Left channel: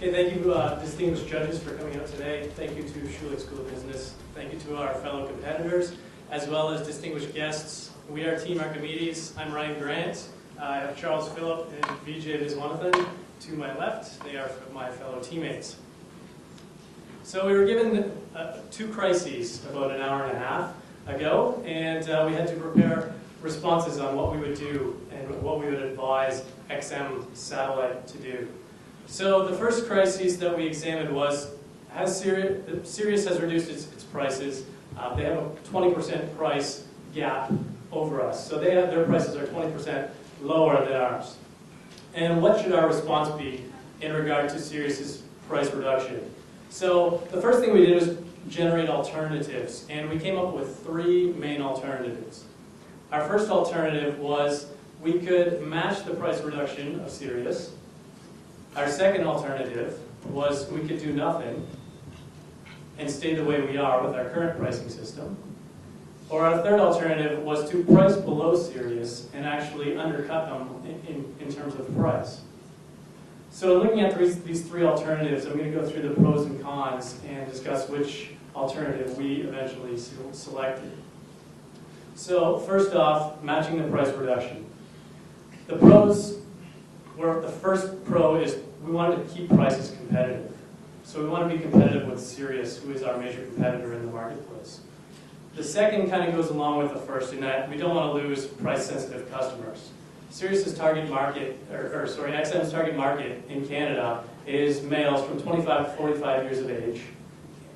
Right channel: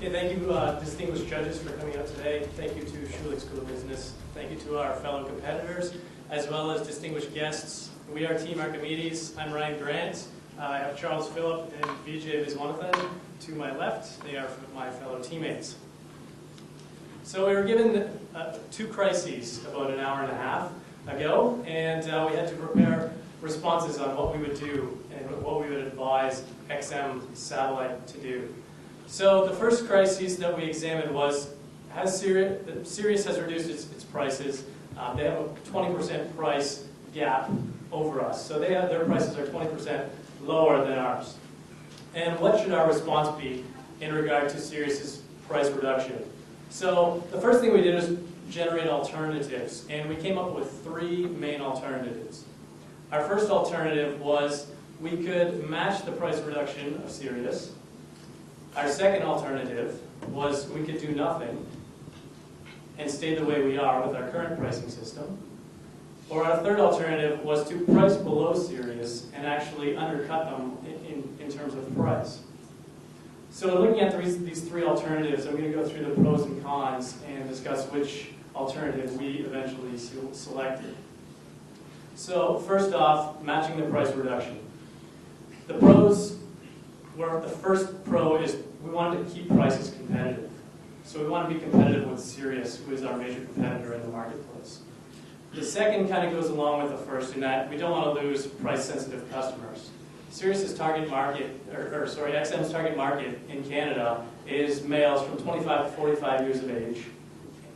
Okay, thank you, distinguished judges, for coming out today. Thank you to Ivey School of Business. Thank you to our fellow competitors, as well as distinguished guests. We are Team Archimedes. I'm Ryan Grant. I have Charles Phillip and Vijay Viswanathan to my left. They are my fellow teammates. So we were given two crises about an hour and a half ago, and we had to prepare responses on what we would do and what we would advise XM Satellite to do. So the first crisis that we examined was, Sirius has reduced its prices. They have a 20% price gap over us. So their prices are 20% lower than ours. And what should our response be in regard to Sirius's price reduction? So the first thing we did was generate alternatives, and we came up with three main alternatives. Our first alternative was we could match the price reduction of Sirius. Our second alternative was we could do nothing and stay the way we are with our current pricing system. Or our third alternative was to price below Sirius and actually undercut them in terms of price. So looking at these three alternatives, I'm going to go through the pros and cons and discuss which alternative we eventually selected. So first off, matching the price reduction. The pros were, the first pro is we wanted to keep prices competitive. So we want to be competitive with Sirius, who is our major competitor in the marketplace. The second kind of goes along with the first in that we don't want to lose price-sensitive customers. Sirius's target market, XM's target market in Canada is males from 25 to 45 years of age,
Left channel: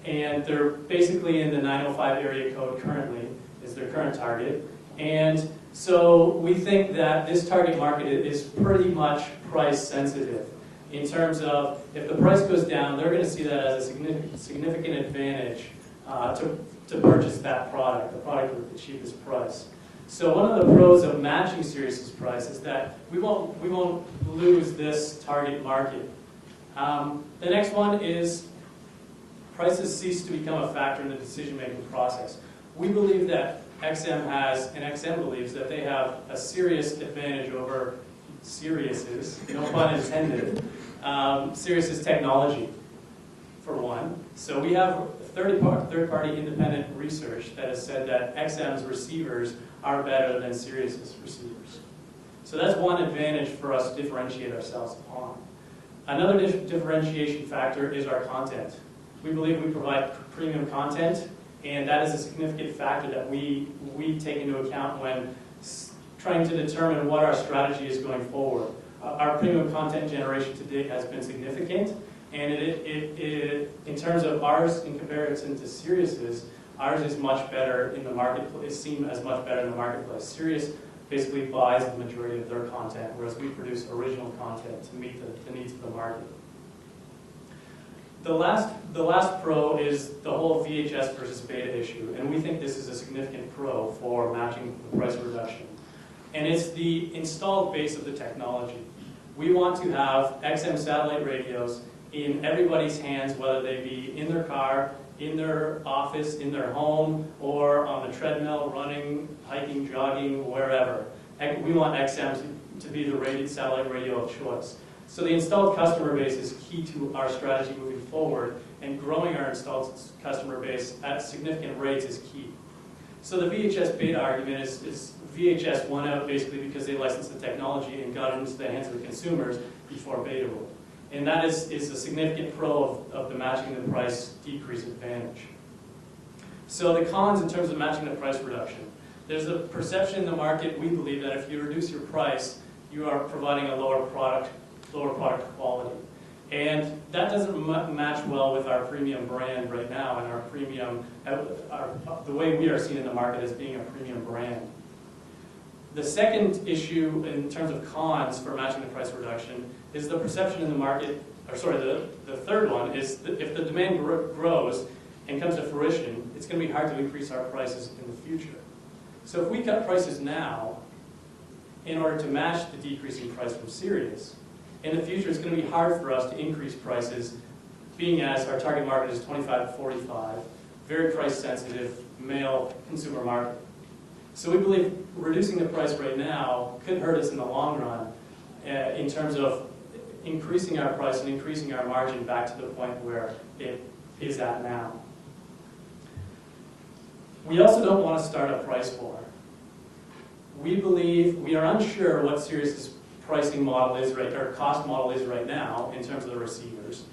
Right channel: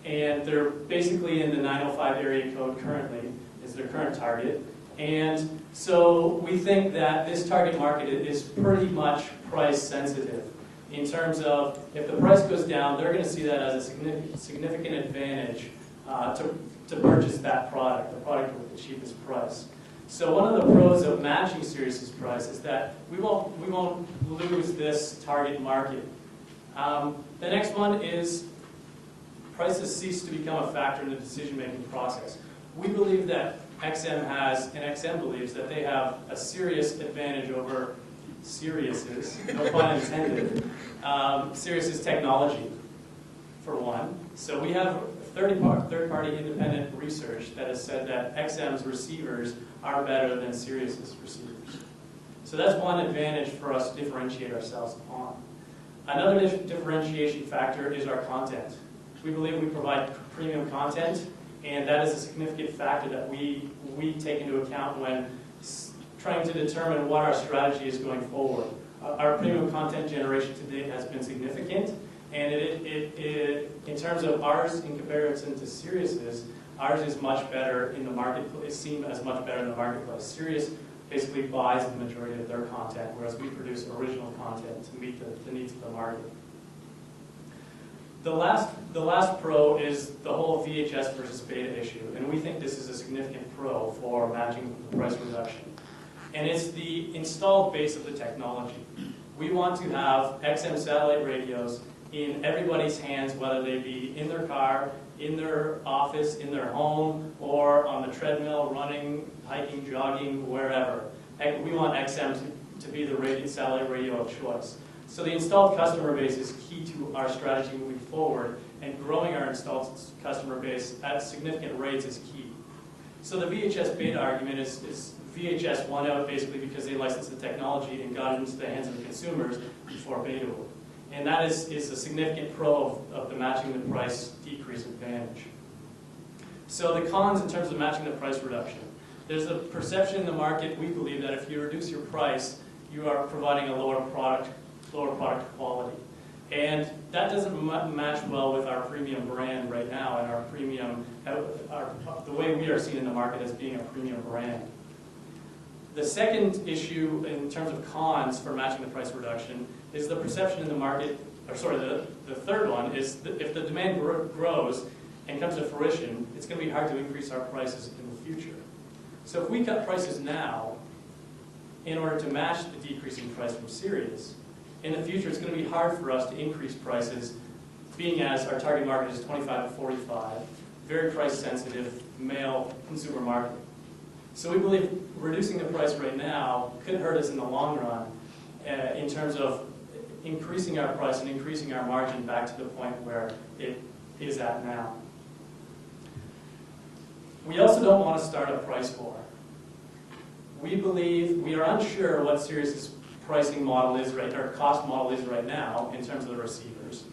and they're basically in the 905 area code currently, is their current target. And so we think that this target market is pretty much price sensitive in terms of if the price goes down, they're going to see that as a significant advantage to purchase that product, the product with the cheapest price. So one of the pros of matching Sirius's price is that we won't lose this target market. The next one is prices cease to become a factor in the decision-making process. We believe that XM has, and XM believes that they have a serious advantage over Sirius's, no pun intended, Sirius's technology, for one. So we have third-party independent research that has said that XM's receivers are better than Sirius's receivers. So that's one advantage for us to differentiate ourselves upon. Another differentiation factor is our content. We believe we provide premium content, and that is a significant factor that we take into account when trying to determine what our strategy is going forward. Our premium content generation to date has been significant, and in terms of ours in comparison to Sirius's, ours is much better in the marketplace, is seen as much better in the marketplace. Sirius basically buys the majority of their content, whereas we produce original content to meet the needs of the market. The last pro is the whole VHS versus beta issue, and we think this is a significant pro for matching the price reduction. And it's the installed base of the technology. We want to have XM satellite radios in everybody's hands, whether they be in their car, in their office, in their home, or on the treadmill, running, hiking, jogging, wherever. We want XM to be the satellite radio of choice. So the installed customer base is key to our strategy moving forward, and growing our installed customer base at significant rates is key. So the VHS beta argument is VHS won out basically because they licensed the technology and got it into the hands of the consumers before beta would. And that is a significant pro of the matching the price decrease advantage. So the cons in terms of matching the price reduction. There's a perception in the market, we believe, that if you reduce your price, you are providing a lower product quality. And that doesn't match well with our premium brand right now and our premium, the way we are seen in the market as being a premium brand. The second issue in terms of cons for matching the price reduction is the perception in the market, the third one is that if the demand grows and comes to fruition, it's going to be hard to increase our prices in the future. So if we cut prices now in order to match the decreasing price from Sirius, in the future it's going to be hard for us to increase prices, being as our target market is 25 to 45, very price sensitive, male consumer market. So we believe reducing the price right now could hurt us in the long run in terms of increasing our price and increasing our margin back to the point where it is at now. We also don't want to start a price war. We are unsure what Sirius's pricing model is or cost model is right now in terms of the receivers.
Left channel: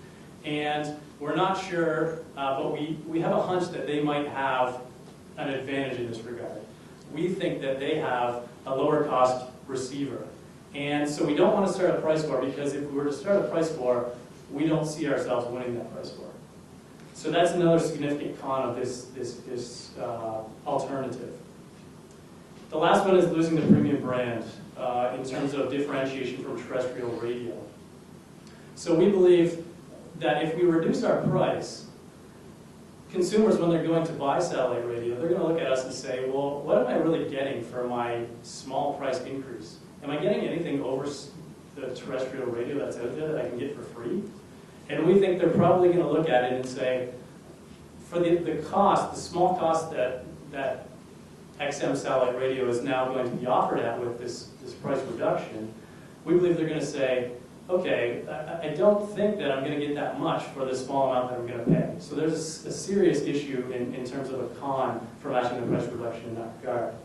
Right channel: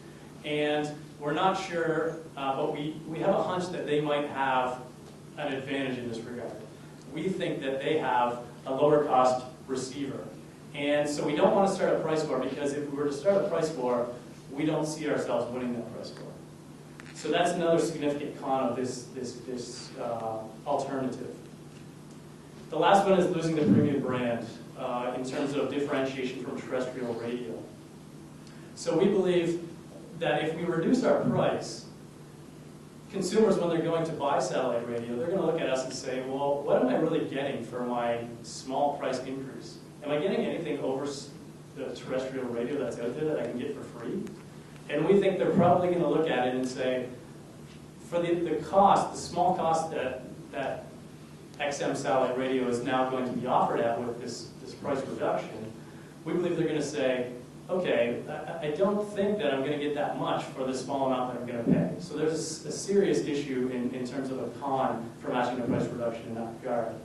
And we're not sure, but we have a hunch that they might have an advantage in this regard. We think that they have a lower cost receiver. And so we don't want to start a price war, because if we were to start a price war, we don't see ourselves winning that price war. So that's another significant con of this alternative. The last one is losing the premium brand in terms of differentiation from terrestrial radio. So we believe that if we reduce our price, consumers, when they're going to buy satellite radio, they're going to look at us and say, well, what am I really getting for my small price increase? Am I getting anything over the terrestrial radio that's out there that I can get for free? And we think they're probably going to look at it and say, for the cost, the small cost that XM satellite radio is now going to be offered at with this price reduction, we believe they're going to say, okay, I don't think that I'm going to get that much for the small amount that I'm going to pay. So there's a serious issue in terms of a con for matching the price reduction in that regard.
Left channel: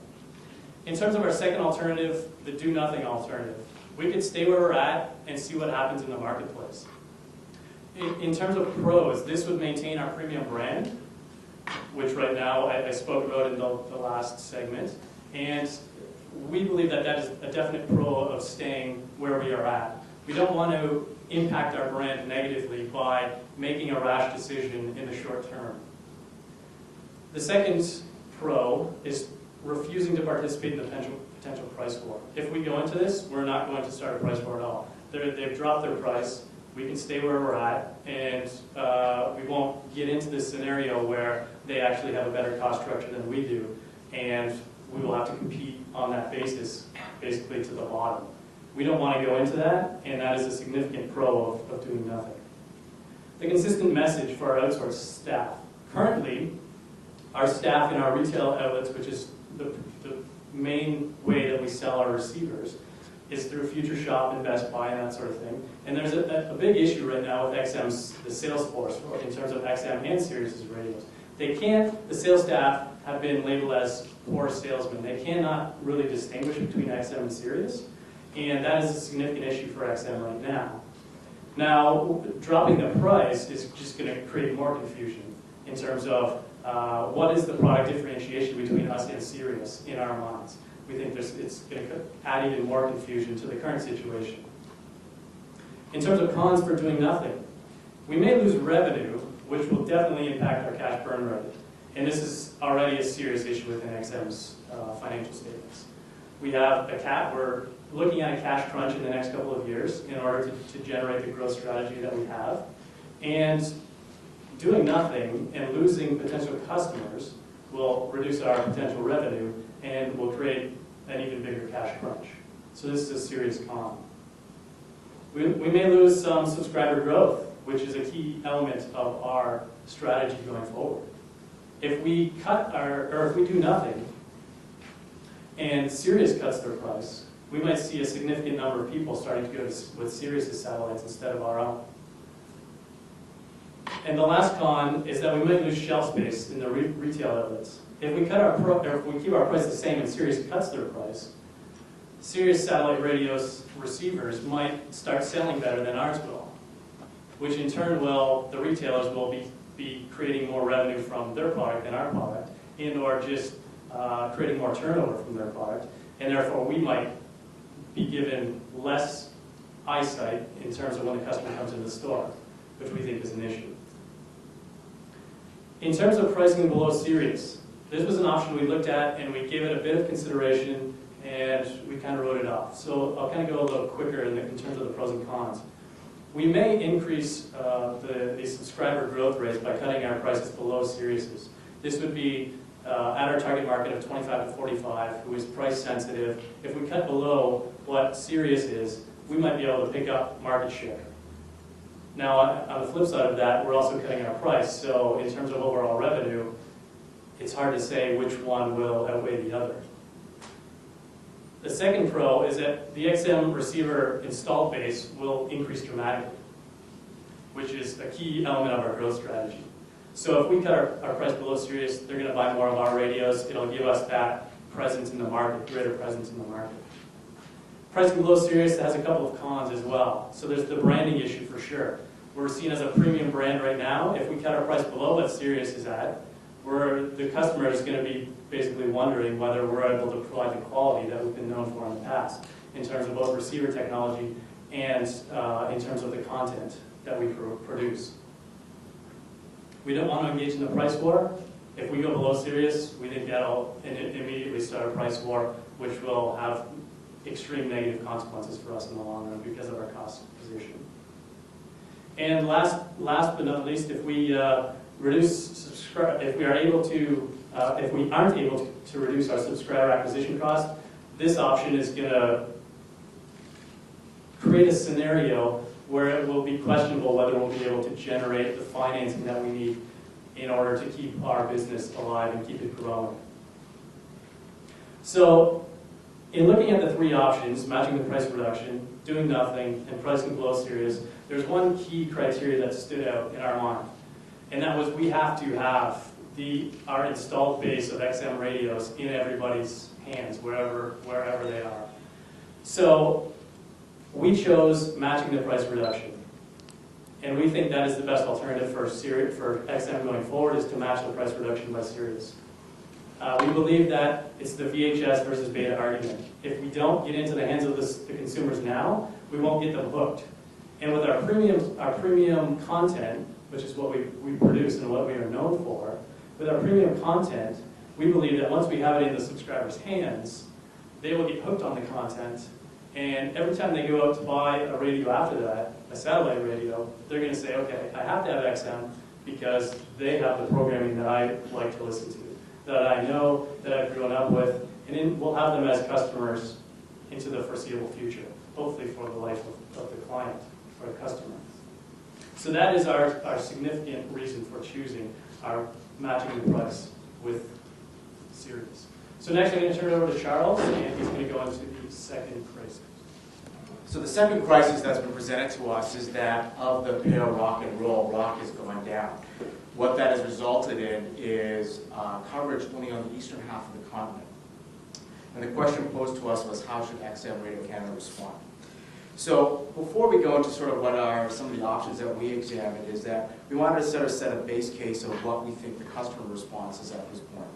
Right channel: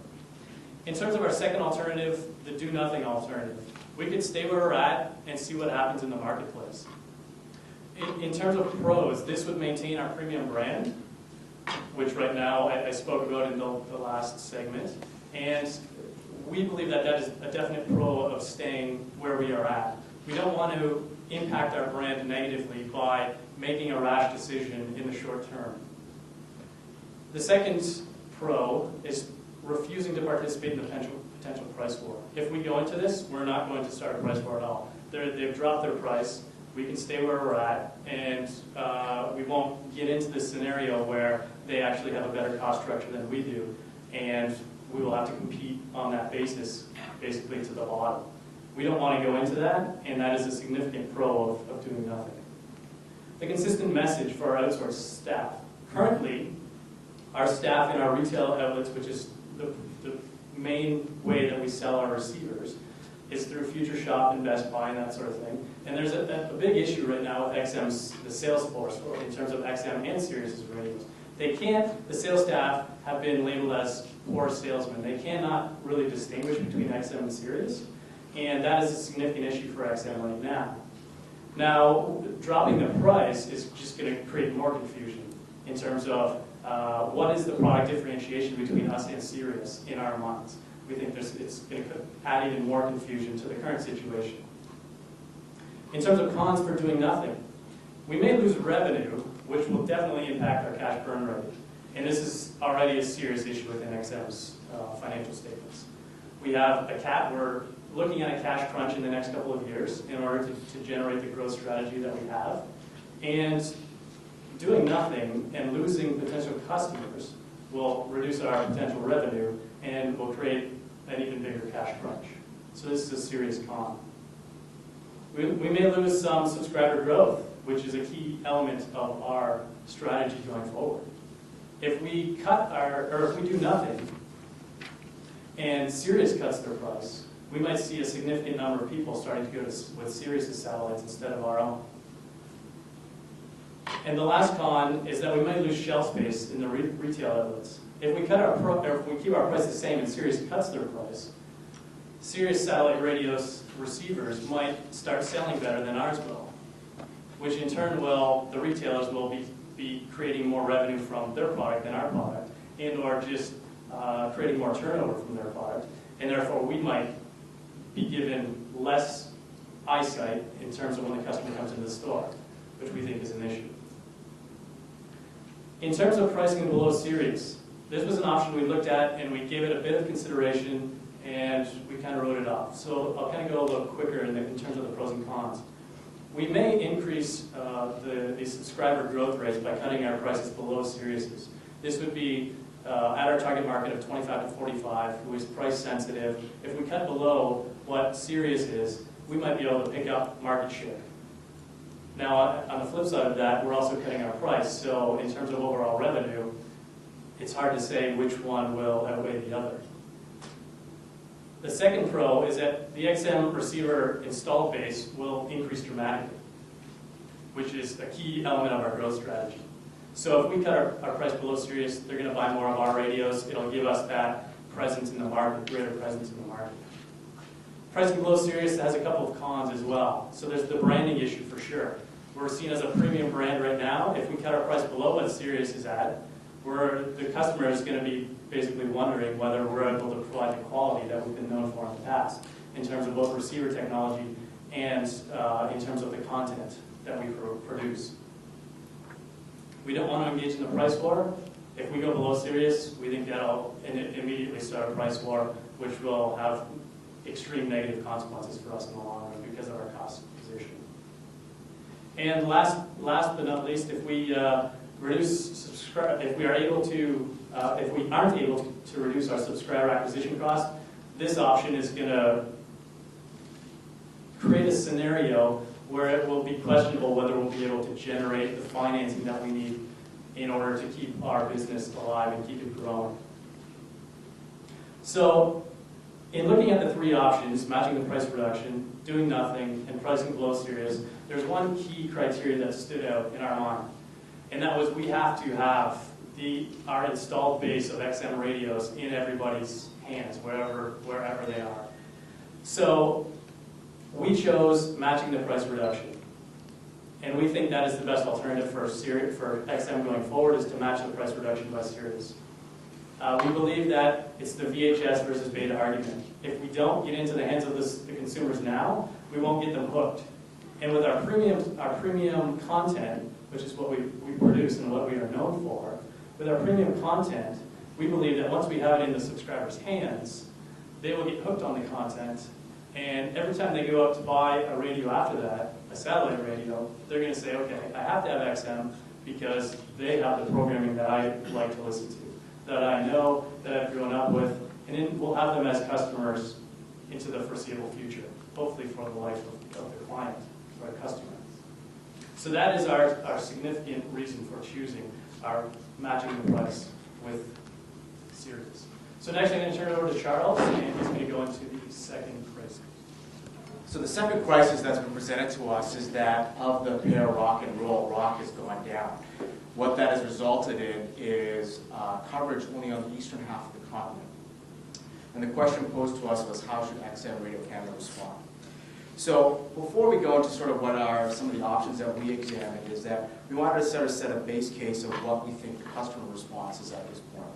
In terms of our second alternative, the do-nothing alternative, we could stay where we're at and see what happens in the marketplace. In terms of pros, this would maintain our premium brand, which right now I spoke about in the last segment, and we believe that that is a definite pro of staying where we are at. We don't want to impact our brand negatively by making a rash decision in the short term. The second pro is refusing to participate in the potential price war. If we go into this, we're not going to start a price war at all. They've dropped their price. We can stay where we're at, and we won't get into this scenario where they actually have a better cost structure than we do, and we will have to compete on that basis, basically to the bottom. We don't want to go into that, and that is a significant pro of doing nothing. The consistent message for our outsourced staff. Currently, our staff in our retail outlets, which is the main way that we sell our receivers, is through Future Shop and Best Buy and that sort of thing. And there's a big issue right now with the sales force in terms of XM and Sirius's radios. The sales staff have been labeled as poor salesmen. They cannot really distinguish between XM and Sirius, and that is a significant issue for XM right now. Now, dropping the price is just going to create more confusion in terms of what is the product differentiation between us and Sirius in our minds. We think it's going to add even more confusion to the current situation. In terms of cons for doing nothing, we may lose revenue, which will definitely impact our cash burn rate. And this is already a serious issue within XM's financial statements. We're looking at a cash crunch in the next couple of years in order to generate the growth strategy that we have. And doing nothing and losing potential customers will reduce our potential revenue and will create an even bigger cash crunch. So this is a serious con. We may lose some subscriber growth, which is a key element of our strategy going forward. If we do nothing and Sirius cuts their price, we might see a significant number of people starting to go with Sirius's satellites instead of our own. And the last con is that we might lose shelf space in the retail outlets. If we keep our price the same and Sirius cuts their price, Sirius satellite radios receivers might start selling better than ours will, which in turn the retailers will be creating more revenue from their product than our product, and/or just creating more turnover from their product, and therefore we might be given less eyesight in terms of when the customer comes into the store, which we think is an issue. In terms of pricing below Sirius, this was an option we looked at and we gave it a bit of consideration and we kind of wrote it off. So I'll kind of go a little quicker in terms of the pros and cons. We may increase the subscriber growth rates by cutting our prices below Sirius's. This would be at our target market of 25 to 45, who is price sensitive. If we cut below what Sirius is, we might be able to pick up market share. Now, on the flip side of that, we're also cutting our price. So in terms of overall revenue, it's hard to say which one will outweigh the other. The second pro is that the XM receiver installed base will increase dramatically, which is a key element of our growth strategy. So if we cut our price below Sirius, they're going to buy more of our radios. It'll give us that presence in the market, greater presence in the market. Pricing below Sirius has a couple of cons as well. So there's the branding issue for sure. We're seen as a premium brand right now. If we cut our price below what Sirius is at, the customer is going to be basically wondering whether we're able to provide the quality that we've been known for in the past, in terms of both receiver technology and in terms of the content that we produce. We don't want to engage in the price war. If we go below Sirius, we think that'll immediately start a price war, which will have extreme negative consequences for us in the long run because of our cost position. And last but not least, if we if we aren't able to reduce our subscriber acquisition cost, this option is going to create a scenario where it will be questionable whether we'll be able to generate the financing that we need in order to keep our business alive and keep it growing. So, in looking at the three options, matching the price reduction, doing nothing, and pricing below Sirius, there's one key criteria that stood out in our mind. And that was we have to have our installed base of XM radios in everybody's hands, wherever they are. So we chose matching the price reduction. And we think that is the best alternative for XM going forward, is to match the price reduction by Sirius. We believe that it's the VHS versus beta argument. If we don't get into the hands of the consumers now, we won't get them hooked. And with our premium content, which is what we produce and what we are known for, with our premium content, we believe that once we have it in the subscribers' hands, they will get hooked on the content, and every time they go out to buy a radio after that, a satellite radio, they're going to say, okay, I have to have XM because they have the programming that I like to listen to, that I know, that I've grown up with, and then we'll have them as customers into the foreseeable future, hopefully for the life of the client, or the customer. So that is our significant reason for choosing our matching the price with Sirius. So next I'm going to turn it over to Charles, and he's going to go into the second crisis. So the second crisis that's been presented to us is that of the pair rock and roll, rock has gone down. What that has resulted in is coverage only on the eastern half of the continent. And the question posed to us was, how should XM Radio Canada respond? So before we go into sort of what are some of the options that we examined, is that we wanted to sort of set a base case of what we think the customer response is at this point.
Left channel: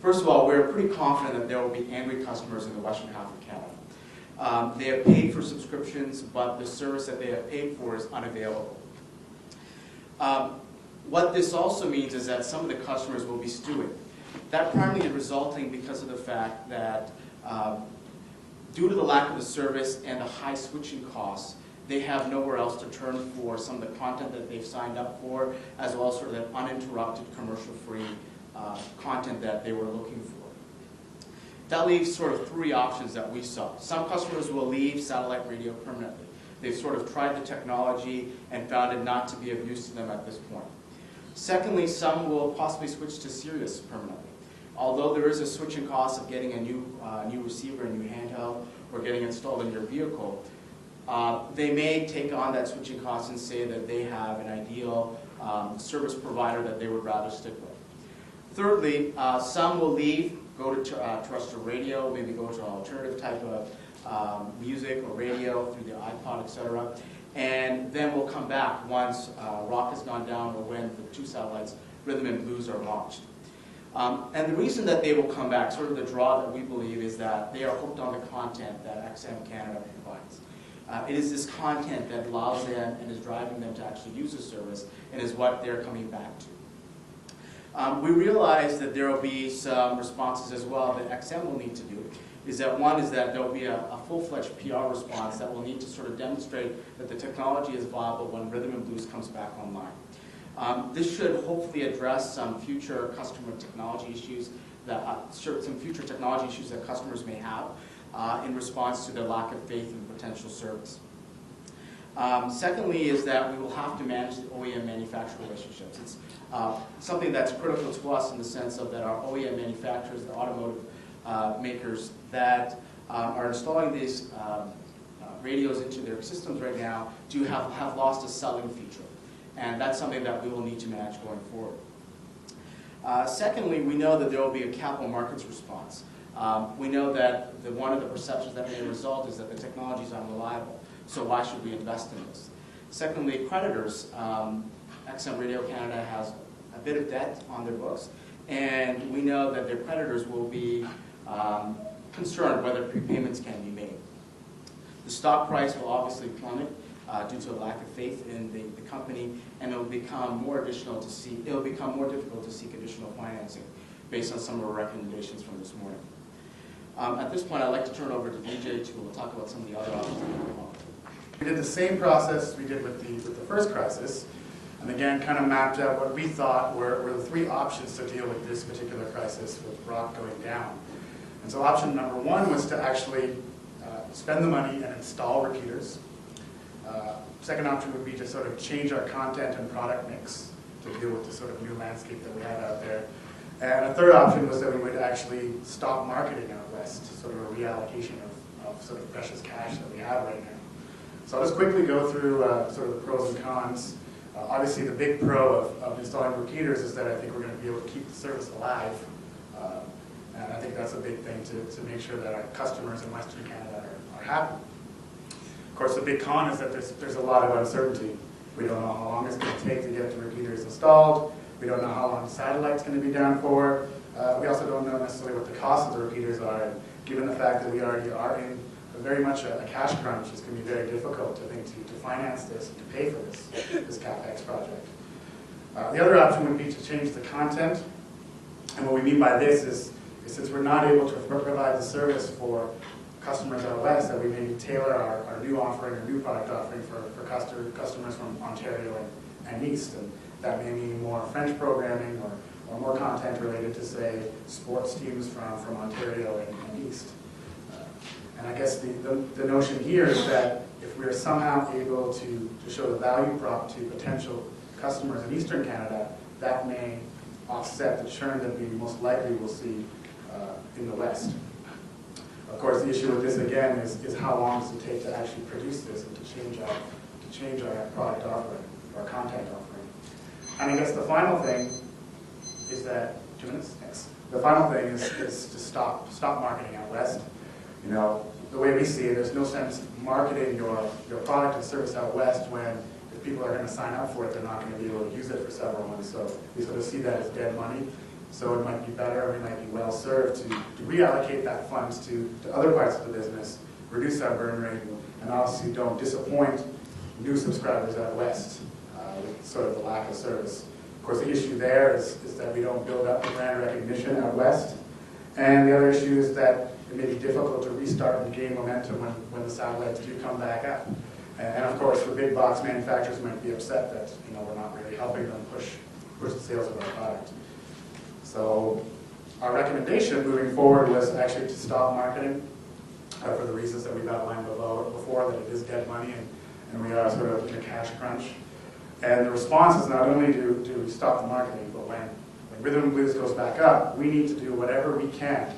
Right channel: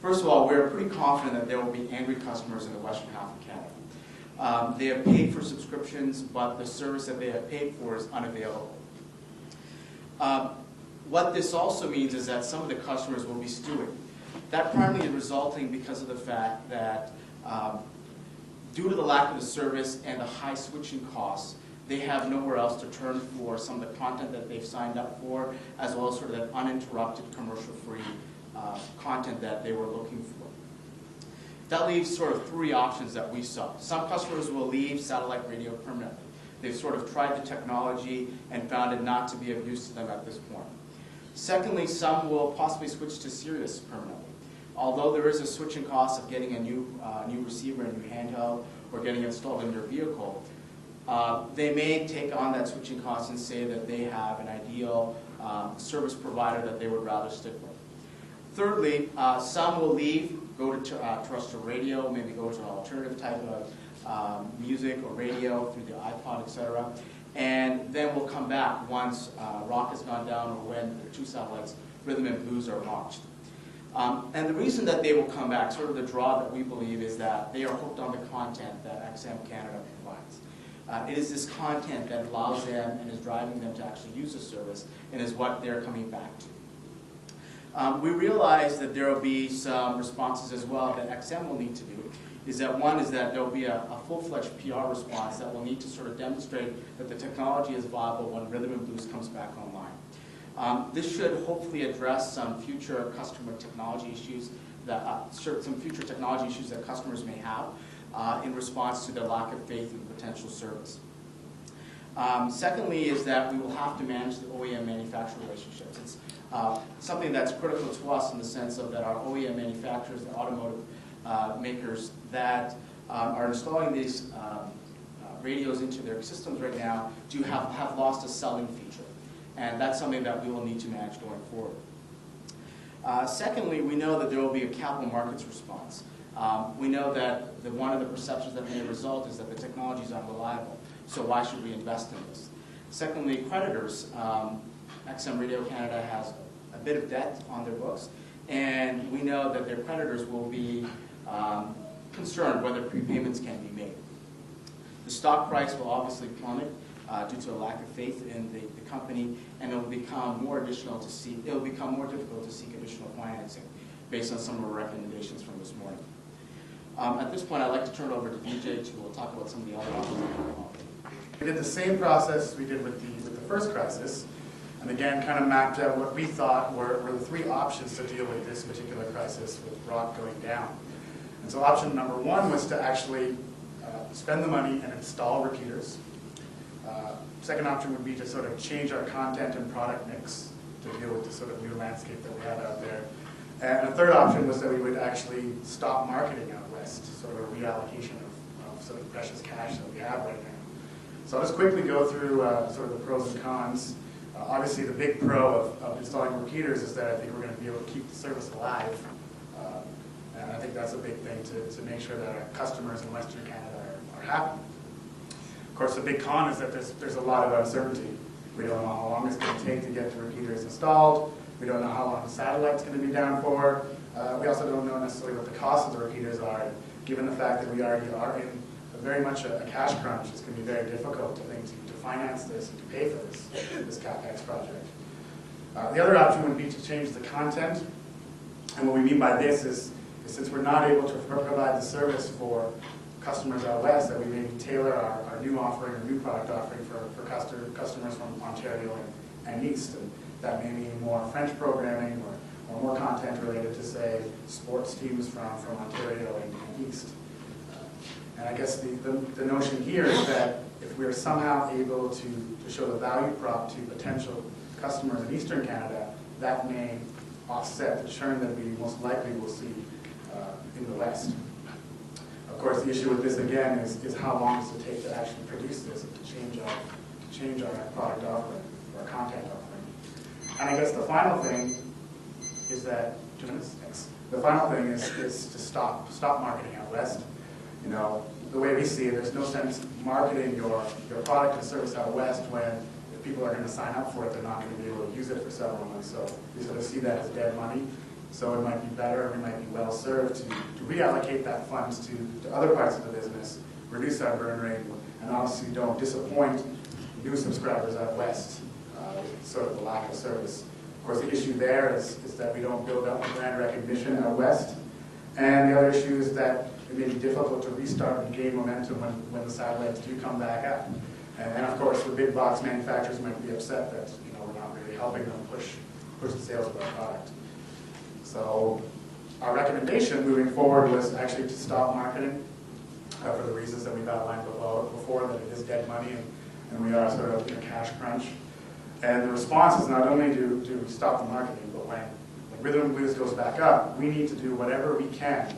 First of all, we're pretty confident that there will be angry customers in the western half of Canada. They have paid for subscriptions, but the service that they have paid for is unavailable. What this also means is that some of the customers will be stewing. That primarily is resulting because of the fact that due to the lack of the service and the high switching costs, they have nowhere else to turn for some of the content that they've signed up for, as well as sort of that uninterrupted commercial-free content that they were looking for. That leaves sort of three options that we saw. Some customers will leave satellite radio permanently. They've sort of tried the technology and found it not to be of use to them at this point. Secondly, some will possibly switch to Sirius permanently. Although there is a switching cost of getting a new receiver, a new handheld, or getting installed in your vehicle, they may take on that switching cost and say that they have an ideal service provider that they would rather stick with. Thirdly, some will leave, go to terrestrial radio, maybe go to an alternative type of music or radio through the iPod, etc., and then will come back once rock has gone down or when the two satellites, rhythm and blues, are launched. And the reason that they will come back, sort of the draw that we believe, is that they are hooked on the content that XM Canada provides. It is this content that allows them and is driving them to actually use the service, and is what they're coming back to. We realize that there will be some responses as well that XM will need to do. Is that one is that there will be a full-fledged PR response that will need to sort of demonstrate that the technology is viable when rhythm and blues comes back online. This should hopefully address some future customer technology issues that customers may have in response to their lack of faith in potential service. Secondly is that we will have to manage the OEM manufacturer relationships. It's something that's critical to us in the sense of that our OEM manufacturers, the automotive makers, that are installing these radios into their systems right now do have lost a selling feature. And that's something that we will need to manage going forward. Secondly, we know that there will be a capital markets response. We know that one of the perceptions that may result is that the technology is unreliable, so why should we invest in this? Secondly, creditors. XM Radio Canada has a bit of debt on their books, and we know that their creditors will be concerned whether prepayments can be made. The stock price will obviously plummet due to a lack of faith in the company, and it will become more difficult to seek additional financing based on some of our recommendations from this morning. At this point, I'd like to turn it over to Vijay, who will talk about some of the other options that we have. We did the same process we did with the first crisis, and again kind of mapped out what we thought were the three options to deal with this particular crisis with rock going down. And so option number one was to actually spend the money and install repeaters. Second option would be to sort of change our content and product mix to deal with the sort of new landscape that we have out there. And a third option was that we would actually stop marketing out west, sort of a reallocation of sort of precious cash that we have right now. So I'll just quickly go through sort of the pros and cons. Obviously the big pro of installing repeaters is that I think we're going to be able to keep the service alive. And I think that's a big thing to make sure that our customers in Western Canada are happy. Of course, the big con is that there's a lot of uncertainty. We don't know how long it's going to take to get the repeaters installed. We don't know how long the satellite's going to be down for. We also don't know necessarily what the cost of the repeaters are. And given the fact that we already are in very much a cash crunch, it's going to be very difficult to finance this and to pay for this CapEx project. The other option would be to change the content. And what we mean by this is since we're not able to provide the service for customers out west, that we maybe tailor our new offering, or new product offering for customers from Ontario and East. And that may mean more French programming or more content related to, say, sports teams from Ontario and East. And I guess the notion here is that if we're somehow able to show the value prop to potential customers in Eastern Canada, that may offset the churn that we most likely will see in the West. Of course, the issue with this again is how long does it take to actually produce this and to change our product offering or content offering. And I guess the final thing is that 2 minutes. Thanks. The final thing is to stop marketing out west. You know, the way we see it, there's no sense marketing your product and service out west when if people are going to sign up for it, they're not going to be able to use it for several months. So we sort of see that as dead money. So it might be better, and we might be well served to reallocate that funds to other parts of the business, reduce our burn rate, and obviously don't disappoint new subscribers out west with sort of the lack of service. Of course, the issue there is that we don't build up brand recognition out west. And the other issue is that it may be difficult to restart and gain momentum when the satellites do come back up. And of course, the big box manufacturers might be upset that we're not really helping them push the sales of our product. So our recommendation moving forward was actually to stop marketing for the reasons that we've outlined before, that it is dead money and we are sort of in a cash crunch. And the response is not only do we stop the marketing, but when Rhythm and Blues goes back up, we need to do whatever we can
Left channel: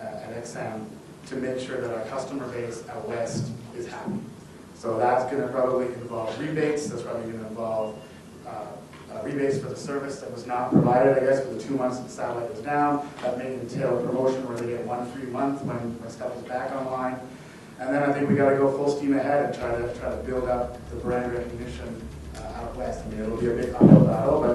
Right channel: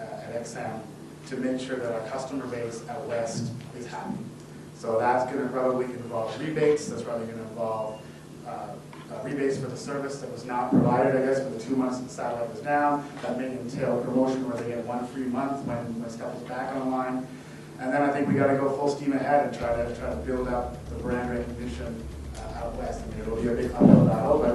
at XM to make sure that our customer base out west is happy. So that's going to probably involve rebates. That's probably going to involve rebates for the service that was not provided, I guess, for the 2 months that the satellite was down. That may entail a promotion where they get 1 free month when stuff is back online. And then I think we got to go full steam ahead and try to build up the brand recognition out west. I mean, it'll be a big uphill battle, but